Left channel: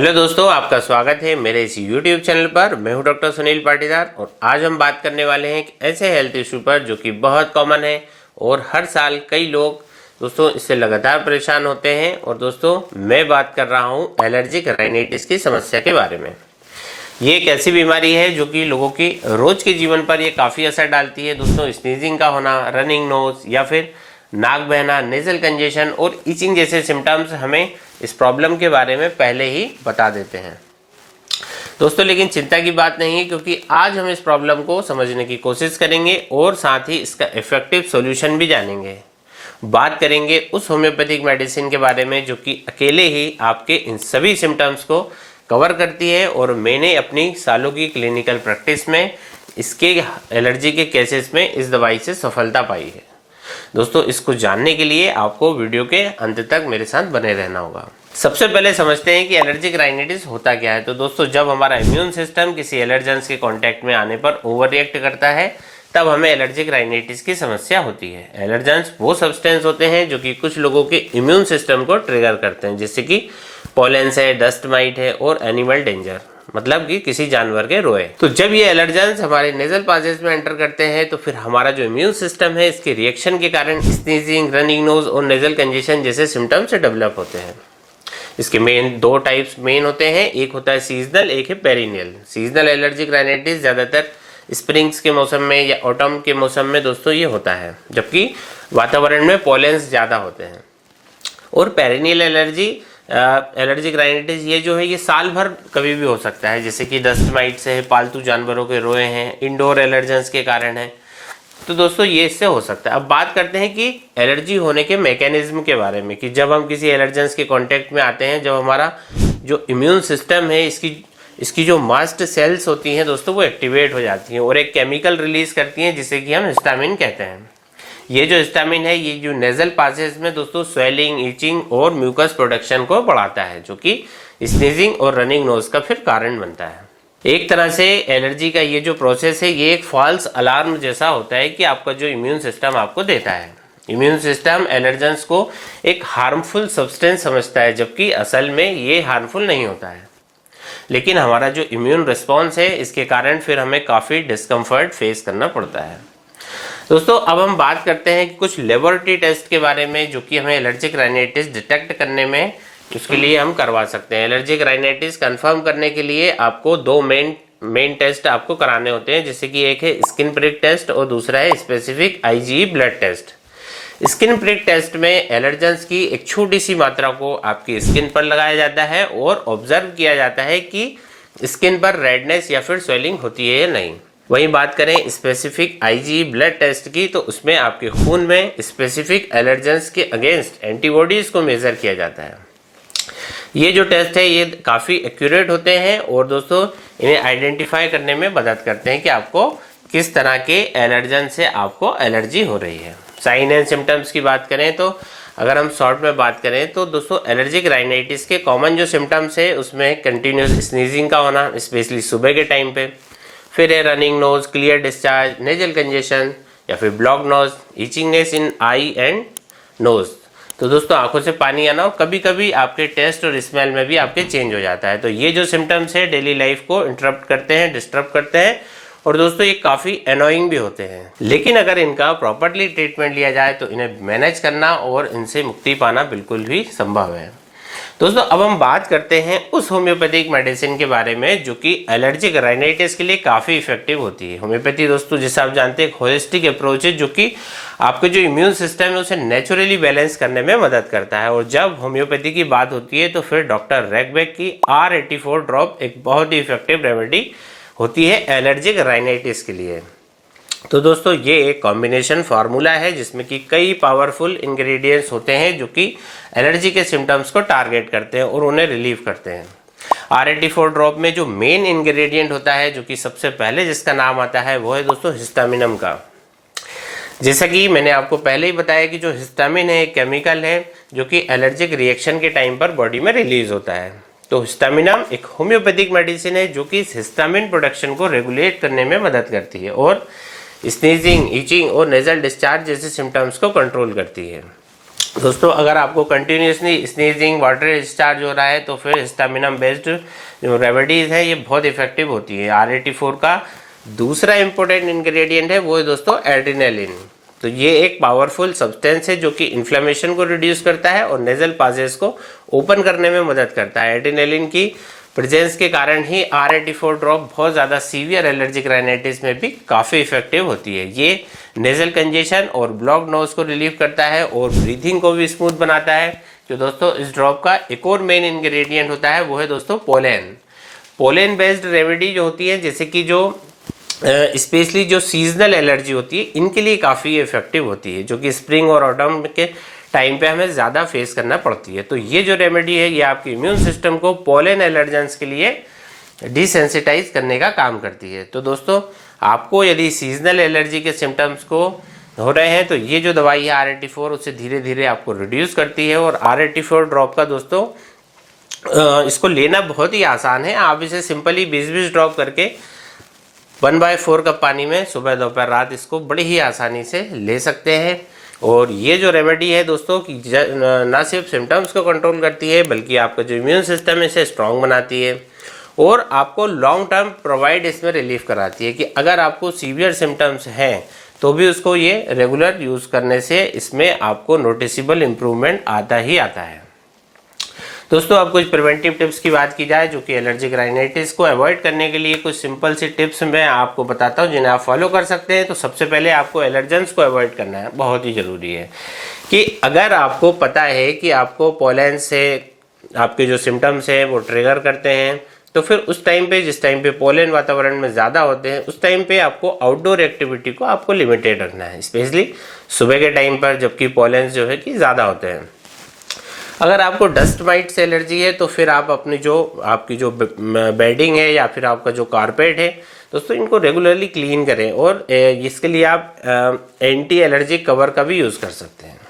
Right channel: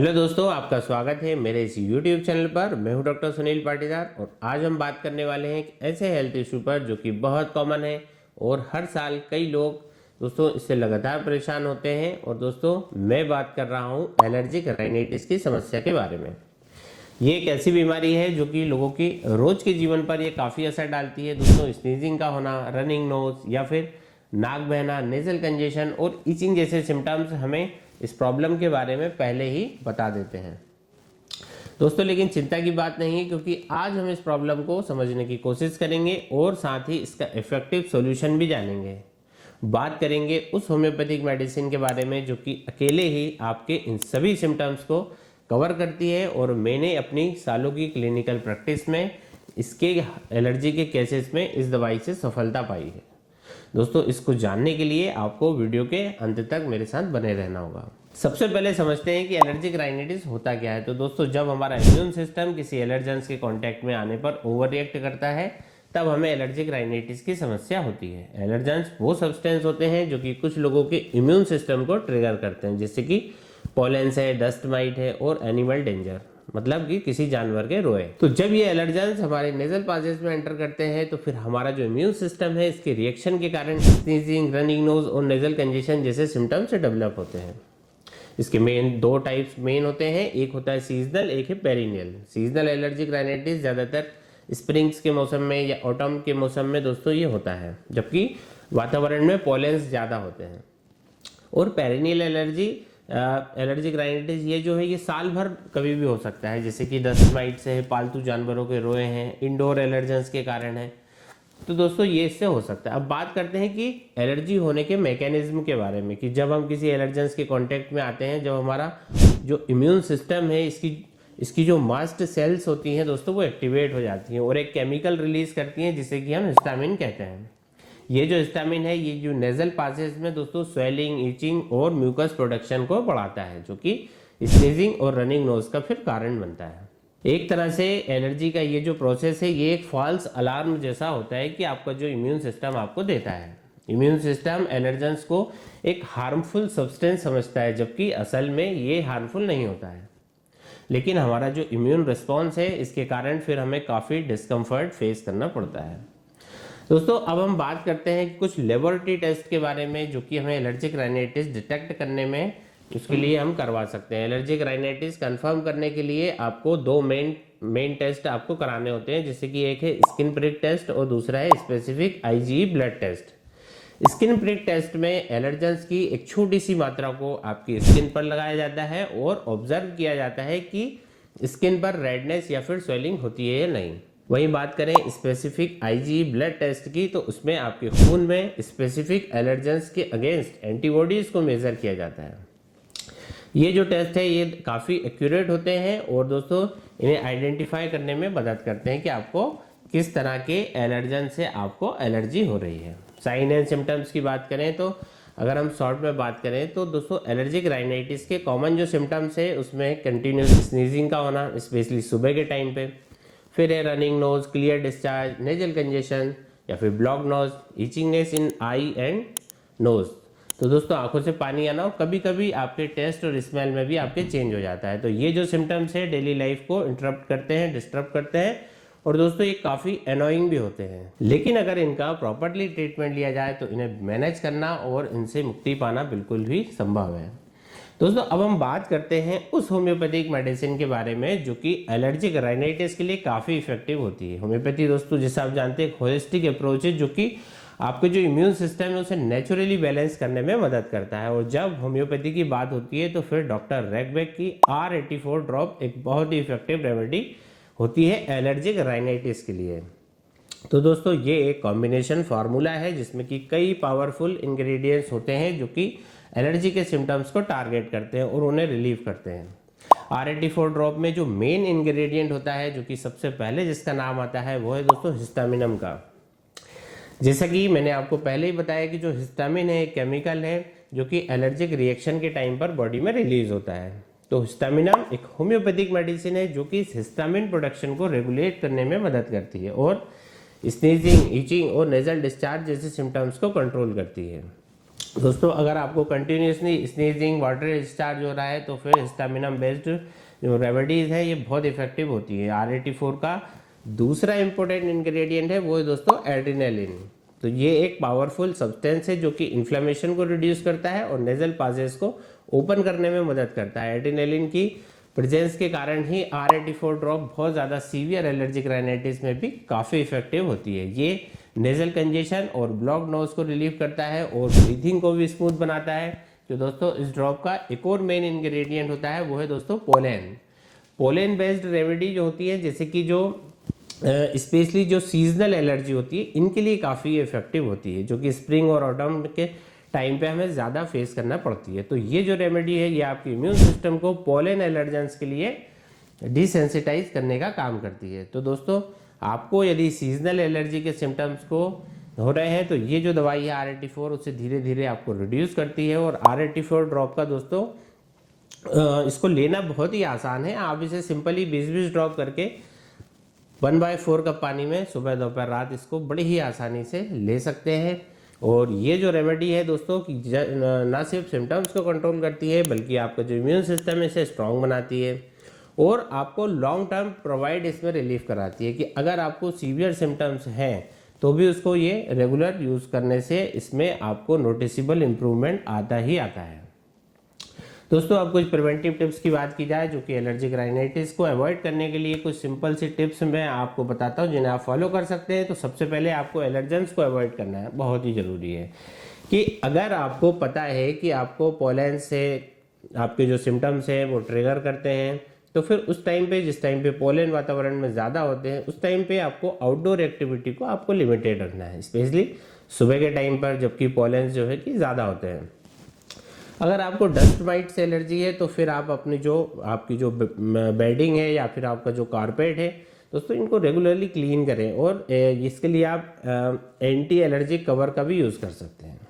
Hello दोस्तों, आपका स्वागत है मेरे इस YouTube चैनल पर। मैं हूं डॉक्टर सुनील पाटीदार और आज हम बात करने वाले हैं एक ऐसे हेल्थ इशू पर जो कि बहुत कॉमन है और हर साल कई लोग दोस्तों इससे लगातार परेशान होते हैं। और दोस्तों मैं बात कर रहा हूं एलर्जिक राइनाइटिस की समस्या के बारे में। ये एक ऐसी बीमारी है जो कि लोगों की रोज के जीवन पर ये काफ़ी असर डालती है। दोस्तों स्नीजिंग का होना, रनिंग नोज या फिर नाक बहना, नेजल कंजेशन और इचिंग जैसे सिम्टम्स हमें इस प्रॉब्लम के बारे में पहले ही बता देते हैं दोस्तों। लेकिन चिंता की बात नहीं है, क्योंकि आज हम इस प्रॉब्लम को समझने की कोशिश करेंगे और साथ ही इसका इफेक्टिव सॉल्यूशन भी जानेंगे। बात करेंगे उस होम्योपैथिक मेडिसिन के बारे में जो कि अकेले ही आपके इन सभी सिम्टम्स को कवर करती है और मैंने अपनी सालों की क्लिनिकल प्रैक्टिस में इसके एलर्जी के केसेस में इस दवाई से सफलता पाई है। दोस्तों इसको जानने के लिए आपको वीडियो के अंत तक मेरे साथ बने रहना होगा। सबसे पहले समझते हैं कि एलर्जिक राइनाइटिस होता क्या है। तो दोस्तों जब हमारा इम्यून सिस्टम किसी एलर्जेंस के कांटेक्ट में आने पर ओवर रिएक्ट करता है तब हमें एलर्जिक राइनाइटिस की समस्या होती है। एलर्जेंस वो सब्सटेंस होते हैं जो कि कुछ लोगों के इम्यून सिस्टम को ट्रिगर करते हैं, जैसे कि पॉलेंस है, डस्ट माइट है और एनिमल डेंजर, मतलब कि किसी जानवर के रोए। तो जब ये एलर्जेंस हमारे नेजल पासेज में एंटर करते हैं तो फिर हमारा जो इम्यून सिस्टम है इसके रिएक्शन के कारण स्नीजिंग, रनिंग नोज और नेजल कंजेशन जैसे सिम्टम्स डेवलप होते हैं। इसके दो टाइप्स मेन होते हैं, एक होता है सीजनल, एक है पेरिनियल। सीजनल एलर्जिक राइनाइटिस ज़्यादातर स्प्रिंग्स के मौसम में या ऑटम के मौसम में दोस्तों ये होता है, जबकि वातावरण में पॉलेंस ज़्यादा होते हैं। और पेरिनियल एलर्जिक राइनाइटिस ये जो है ये साल भर कभी भी हो सकता है, जैसे कि डस्ट माइट से है, पालतू जानवरों के रोए हैं, इंडोर एलर्जेंस के कारण है। तो दोस्तों ये इससे हो सकता है। अब बात करते हैं कि एलर्जी होने के मैकेनिज्म के बारे में, कि जब हम किसी एलर्जेंस के कांटेक्ट में आते हैं, जब हमारा जो इम्यून सिस्टम है इसकी जो मास्ट सेल्स होती हैं दोस्तों वो एक्टिवेट हो जाती हैं और एक केमिकल रिलीज करती हैं जिसे कि हम हिस्टामिन कहते हैं। ये जो हिस्टामिन है ये जो नेजल पासेज में दोस्तों स्वेलिंग, इचिंग और म्यूकस प्रोडक्शन को बढ़ाता है, जो कि स्नीजिंग और रनिंग नोज का फिर कारण बनता है। एक तरह से एलर्जी का ये जो प्रोसेस है ये एक फॉल्स अलार्म जैसा होता है कि आपका जो इम्यून सिस्टम आपको देता है। इम्यून सिस्टम एलर्जेंस को एक हार्मफुल सब्सटेंस समझता है, जबकि असल में ये हार्मफुल नहीं होता है। लेकिन हमारा जो इम्यून रिस्पॉन्स है इसके कारण फिर हमें काफ़ी डिस्कम्फर्ट फेस करना पड़ता है। दोस्तों अब हम बात करते हैं कि कुछ लेबोरेटरी टेस्ट के बारे में जो कि हमें एलर्जिक राइनाइटिस डिटेक्ट करने में उसके लिए हम करवा सकते हैं। एलर्जिक राइनाइटिस कंफर्म करने के लिए आपको दो मेन टेस्ट आपको कराने होते हैं, जैसे कि एक है स्किन प्रिक टेस्ट और दूसरा है specific IgE blood test. Skin prick test में एलर्जेंस की एक छोटी सी मात्रा को आपकी स्किन पर लगाया जाता है और ऑब्जर्व किया जाता है कि स्किन पर रेडनेस या फिर स्वेलिंग होती है या नहीं। वहीं बात करें स्पेसिफिक IgE ब्लड टेस्ट की, तो उसमें आपके खून में स्पेसिफिक एलर्जेंस के अगेंस्ट एंटीबॉडीज को मेजर किया जाता है। ये जो टेस्ट है ये काफ़ी एक्यूरेट होते हैं और दोस्तों इन्हें आइडेंटिफाई करने में मदद करते हैं कि आपको किस तरह के एलर्जन से आपको एलर्जी हो रही है। साइन एंड सिम्टम्स की बात करें तो अगर हम शॉर्ट में बात करें तो दोस्तों एलर्जिक राइनाइटिस के कॉमन जो सिम्टम्स है उसमें कंटिन्यूस स्नीजिंग का होना, स्पेशली सुबह के टाइम पे, फिर है running nose, clear discharge, nasal congestion या फिर block nose, itchingness in eye and nose. तो दोस्तों आंखों से पानी आना और कभी कभी आपके टेस्ट और स्मेल में भी आपके चेंज हो जाता है। तो ये जो सिम्टम्स है डेली लाइफ को इंटरप्ट करते हैं, डिस्टर्ब करते हैं और दोस्तों ये काफ़ी एनोइंग भी होते हैं। लेकिन अगर इनका प्रॉपरली ट्रीटमेंट लिया जाए तो इन्हें मैनेज करना और इनसे मुक्ति पाना बिल्कुल भी संभव है। दोस्तों अब हम बात करते हैं उस होम्योपैथिक मेडिसिन के बारे में जो कि एलर्जिक राइनाइटिस के लिए काफ़ी इफेक्टिव होती है। होम्योपैथी दोस्तों जैसे आप जानते हैं एक होलिस्टिक अप्रोच है जो कि आपके जो इम्यून सिस्टम है उसे नेचुरली बैलेंस करने में मदद करता है। और जब होम्योपैथी की बात होती है तो फिर डॉक्टर रैगबैक की R84 ड्रॉप एक बहुत ही इफेक्टिव रेमेडी होती है एलर्जिक राइनाइटिस के लिए। तो दोस्तों ये एक कॉम्बिनेशन फार्मूला है जिसमें कि कई पावरफुल इंग्रेडिएंट्स होते हैं जो कि एलर्जी के सिम्टम्स को टारगेट करते हैं और उन्हें रिलीव करते हैं। R84 ड्रॉप में जो मेन इंग्रेडिएंट होता है जो कि सबसे पहले जिसका नाम आता है वो है दोस्तों हिस्टामिनम का। जैसा कि मैंने आपको पहले ही बताया कि जो हिस्टामिन है एक केमिकल है जो कि एलर्जिक रिएक्शन के टाइम पर बॉडी में रिलीज होता है। तो हिस्टामिनम एक होम्योपैथिक मेडिसिन है जो कि इस हिस्टामिन प्रोडक्शन को रेगुलेट करने में मदद करती है और स्नीजिंग, इचिंग और नेजल डिस्चार्ज जैसे सिम्टम्स को कंट्रोल करती है। दोस्तों अगर आपको कंटिन्यूसली स्नीजिंग, वाटर डिस्चार्ज हो रहा है तो फिर हिस्टामिनम बेस्ड जो रेमेडीज़ है ये बहुत इफेक्टिव होती है। R84 का दूसरा इंपॉर्टेंट इंग्रेडिएंट है वो है दोस्तों एड्रेनालिन। तो ये एक पावरफुल सब्सटेंस है जो कि इन्फ्लेमेशन को रिड्यूस करता है और नेजल पासेज को ओपन करने में मदद करता है। एड्रेनालिन की प्रेजेंस के कारण ही R84 ड्रॉप बहुत ज़्यादा सीवियर एलर्जिक राइनाइटिस में भी काफ़ी इफेक्टिव होती है। ये नेजल कंजेशन और ब्लॉक नोज को रिलीव करता है और ब्रीथिंग को भी स्मूथ बनाता है। तो दोस्तों इस ड्रॉप का एक और मेन इंग्रेडिएंट होता है वो है दोस्तों पोलेन। पोलेन बेस्ड रेमेडी जो होती है, जैसे कि जो स्पेशली जो सीजनल एलर्जी होती है इनके लिए काफ़ी इफेक्टिव होती है, जो कि स्प्रिंग और ऑटम के टाइम पे हमें ज़्यादा फेस करना पड़ती है। तो ये जो रेमेडी है ये आपके इम्यून सिस्टम को पोलेन एलर्जेंस के लिए डिसेंसिटाइज करने का काम करती है। तो दोस्तों आपको यदि सीजनल एलर्जी के सिम्टम्स को हो रहे हैं तो ये जो दवाई है R84 उससे धीरे धीरे आपको रिड्यूस करती है। और R84 ड्रॉप का दोस्तों इसको लेना बहुत ही आसान है। आप इसे सिंपली 20-20 ड्रॉप करके 1/4 कप पानी में सुबह दोपहर रात इसको बड़ी ही आसानी से ले सकते हैं। और ये जो रेमेडी है दोस्तों कि ना सिर्फ सिम्टम्स को कंट्रोल करती है बल्कि आपका जो इम्यून सिस्टम है इसे स्ट्रॉन्ग बनाती है और आपको लॉन्ग टर्म प्रोवाइड इसमें रिलीफ कराती है कि अगर आपको सीवियर सिम्टम्स हैं तो भी उसको ये रेगुलर यूज़ करने से इसमें आपको नोटिसेबल इम्प्रूवमेंट आता ही आता है। दोस्तों अब कुछ प्रिवेंटिव टिप्स की बात की जाए जो कि एलर्जिक राइनाइटिस को अवॉइड करने के लिए कुछ सिंपल सी टिप्स मैं आपको बताता हूं जिन्हें आप फॉलो कर सकते हैं। तो सबसे पहले आपको एलर्जेंस को अवॉइड करना है, बहुत ही ज़रूरी है कि अगर आपको पता है कि आपको पोलन से आपके जो सिम्टम्स हैं वो ट्रिगर करते हैं तो फिर उस टाइम पे, जिस टाइम पे पोलन वातावरण में ज़्यादा होते हैं उस टाइम पे आपको आउटडोर एक्टिविटी को आपको लिमिटेड रखना है, स्पेशली सुबह के टाइम पर जबकि पोलन जो है कि ज़्यादा होते हैं। अगर आपको डस्ट माइट से एलर्जी है तो फिर आप अपनी जो आपकी जो बेडिंग है या फिर आपका जो कारपेट है दोस्तों इनको रेगुलरली क्लीन करें और इसके लिए आप एंटी एलर्जिक कवर का भी यूज़ कर सकते हैं।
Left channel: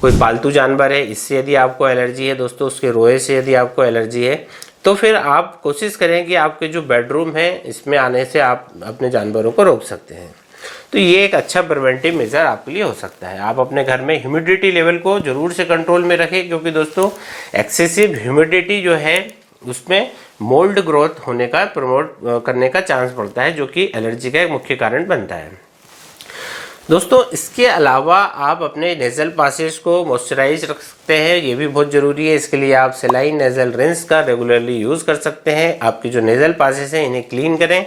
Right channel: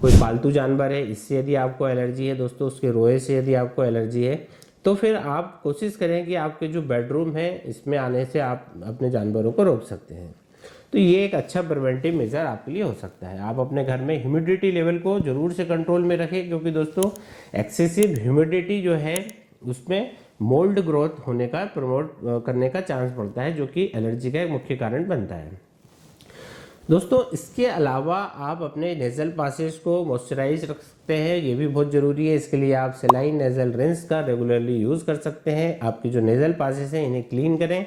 कोई पालतू जानवर है इससे यदि आपको एलर्जी है दोस्तों, उसके रोए से यदि आपको एलर्जी है तो फिर आप कोशिश करें कि आपके जो बेडरूम है इसमें आने से आप अपने जानवरों को रोक सकते हैं। तो ये एक अच्छा प्रिवेंटिव मेजर आपके लिए हो सकता है। आप अपने घर में ह्यूमिडिटी लेवल को ज़रूर से कंट्रोल में रखें क्योंकि दोस्तों एक्सेसिव ह्यूमिडिटी जो है उसमें मोल्ड ग्रोथ होने का प्रमोट करने का चांस बढ़ता है जो कि एलर्जी का एक मुख्य कारण बनता है। दोस्तों इसके अलावा आप अपने नेज़ल पासेज को मॉइस्चराइज रख सकते हैं, ये भी बहुत ज़रूरी है। इसके लिए आप सेलाइन नेज़ल रिंस का रेगुलरली यूज़ कर सकते हैं। आपकी जो नेज़ल पासेज हैं इन्हें क्लीन करें,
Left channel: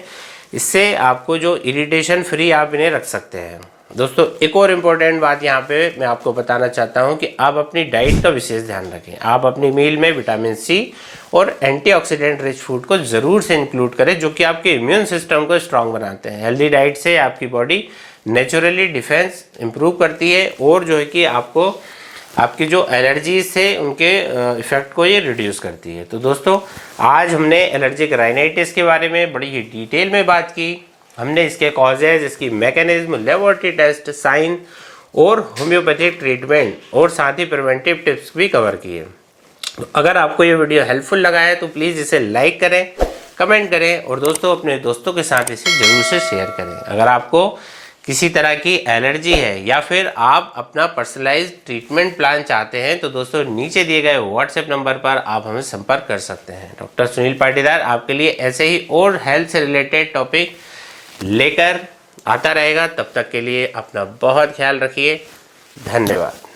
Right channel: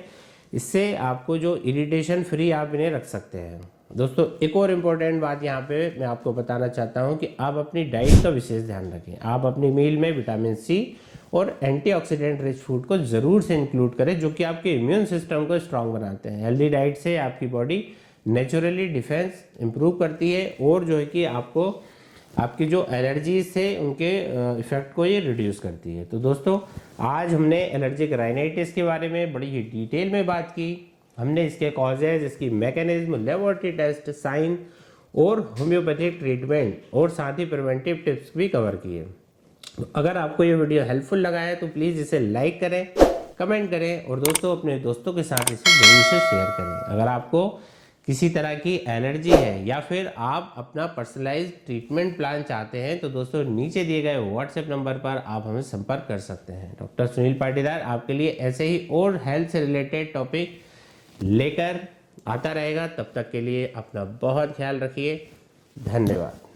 इससे आपको जो इरिटेशन फ्री आप इन्हें रख सकते हैं। दोस्तों एक और इम्पॉर्टेंट बात यहाँ पे मैं आपको बताना चाहता हूँ कि आप अपनी डाइट का विशेष ध्यान रखें। आप अपनी मील में विटामिन सी और एंटीऑक्सीडेंट रिच फूड को ज़रूर से इंक्लूड करें जो कि आपके इम्यून सिस्टम को स्ट्रांग बनाते हैं। हेल्दी डाइट से आपकी बॉडी नेचुरली डिफेंस इम्प्रूव करती है और जो है कि आपको आपकी जो एलर्जीज से उनके इफ़ेक्ट को ये रिड्यूस करती है। तो दोस्तों आज हमने एलर्जिक राइनाइटिस के बारे में बड़ी ही डिटेल में बात की। हमने इसके कॉजेज, इसकी मैकेनिज्म, लेबोरेटरी टेस्ट, साइन और होम्योपैथिक ट्रीटमेंट और साथ ही प्रिवेंटिव टिप्स भी कवर किए। तो अगर आपको ये वीडियो हेल्पफुल लगा है तो प्लीज़ इसे लाइक करें, कमेंट करें और दोस्तों अपने दोस्तों के साथ इसे ज़रूर से शेयर करें। अगर आपको किसी तरह की एलर्जी है या फिर आप अपना पर्सनलाइज्ड ट्रीटमेंट प्लान चाहते हैं तो दोस्तों नीचे दिए गए व्हाट्सएप नंबर पर आप हमें संपर्क कर सकते हैं। डॉक्टर सुनील पाटीदार आपके लिए ऐसे ही और हेल्थ से रिलेटेड टॉपिक लेकर आता रहेगा। तब तक के लिए अपना बहुत ख्याल रखिए। धन्यवाद।